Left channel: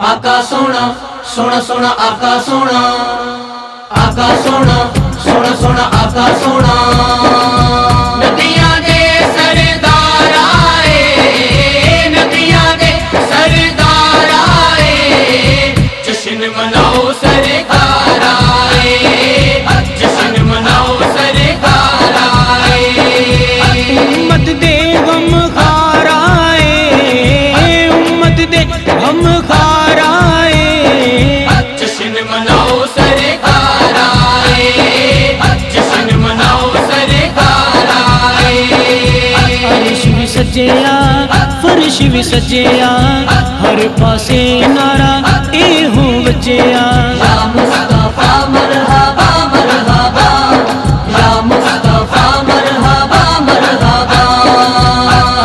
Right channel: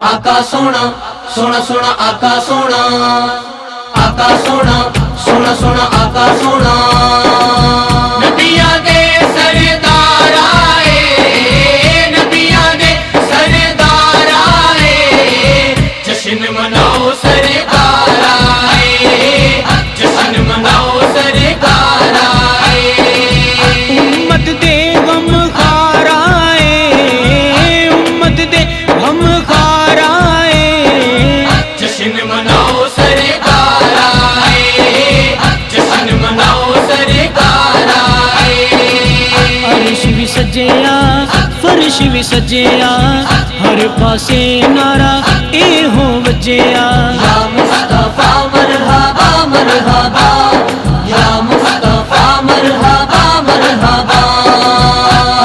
आका सोना सोना सोना आका सोना, आका सोना सोना सोना आका सोना। नदियां दे सरदार आए, नदियां दे सरदार आए, जश्न मनाओ सरकार आए, जश्न मनाओ सरकार आए। उम्मत दे गम खार आए, उम्मत दे गम खार आए, जश्न मनाओ सरकार आए, जश्न मनाओ सरकार आए। अर्श भी सजया फर्श भी सजया, हर पासे नारा एहो वजया। या मुस्तफा मरहबा मरहबा, या मुस्तफा मरहबा मरहबा।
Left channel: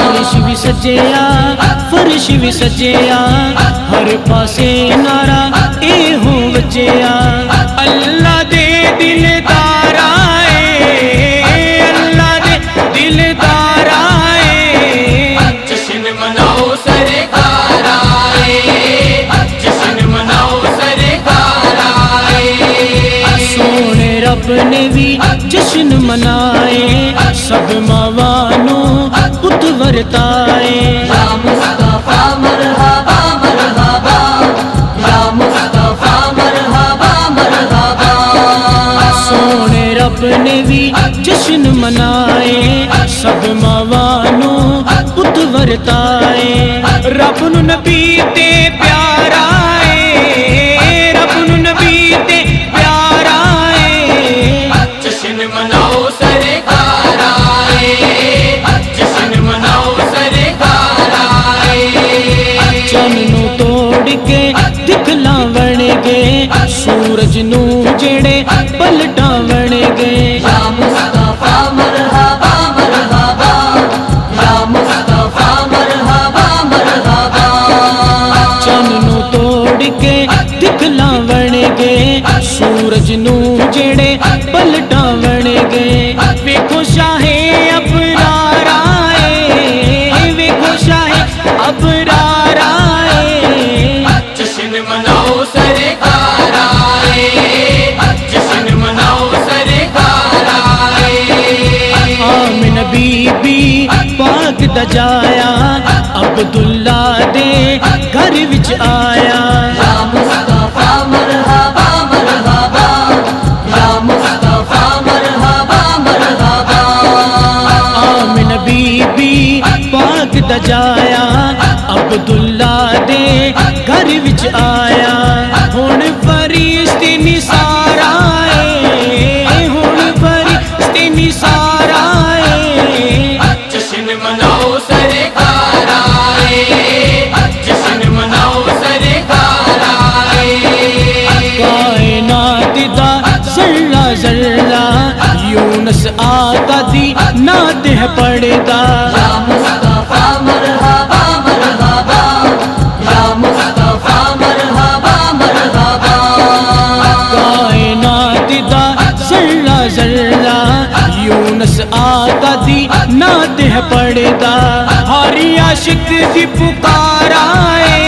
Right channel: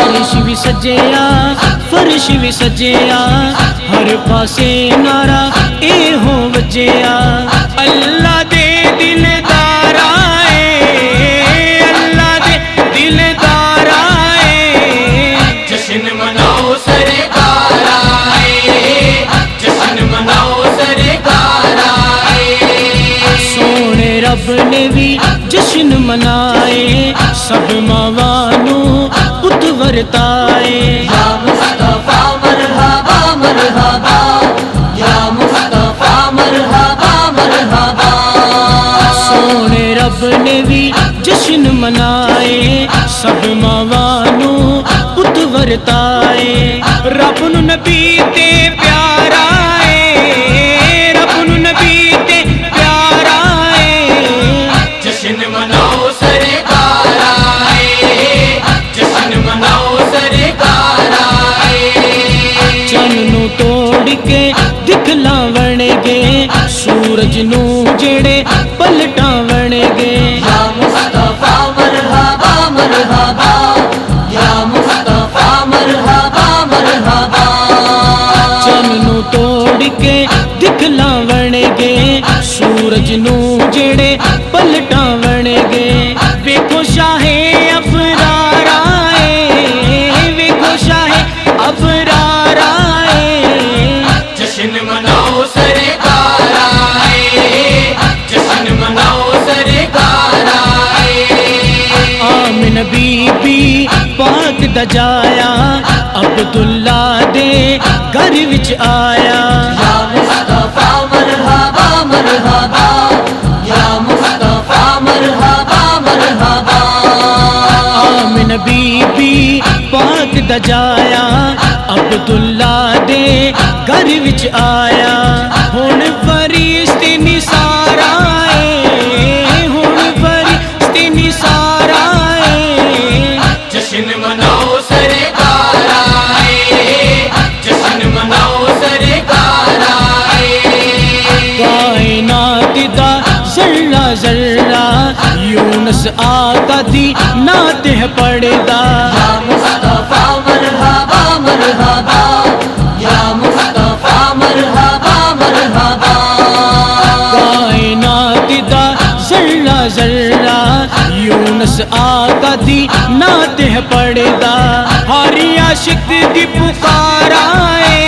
अर्श भी सजया फर्श भी सजया, हर पासे नारा एहो वजया। अल्लाह दे दिलदार आए, अल्लाह दे दिलदार आए, जश्न मनाओ सरकार आए, जश्न मनाओ सरकार आए। सोने रब ने भी जश्न मनाए, सब मावां नू पुत वरताए। या मुस्तफा मरहबा मरहबा, या मुस्तफा मरहबा मरहबा। सोने रब ने भी जश्न मनाए, सब मावां नू पुत वरताए। रब नू नबी ते प्यार आए, रब नू नबी ते प्यार आए, जश्न मनाओ सरकार आए, जश्न मनाओ सरकार आए। चन्न नू तोड़ के दिखलावणगे, सूरज नू जेड़े पलटावणगे। या मुस्तफा मरहबा मरहबा, या मुस्तफा मरहबा मरहबा। चन्न नू तोड़ के दिखलावणगे, सूरज नू जेड़े पलटावणगे। वेखो शाहे अबरार आए, वेखो शाहे अबरार आए, जश्न मनाओ सरकार आए, जश्न मनाओ सरकार आए। आमिना बीबी पाक दा जाया, अब्दुल्ला दे घर विच आया। या मुस्तफा मरहबा मरहबा, या मुस्तफा मरहबा मरहबा। आमिना बीबी पाक दा जाया, अब्दुल्ला दे घर विच आया। हुण फरिश्ते निसार आए, हुण फरिश्ते निसार आए, जश्न मनाओ सरकार आए, जश्न मनाओ सरकार आए। कायनात दा जर्रा जर्रा, यूनस आका दी नात है पढ़दा। या मुस्तफा मरहबा मरहबा, या मुस्तफा मरहबा मरहबा। कायनात दा जर्रा जर्रा, यूनस आका दी नात है पढ़दा। हर आशिक दी पुकार आए,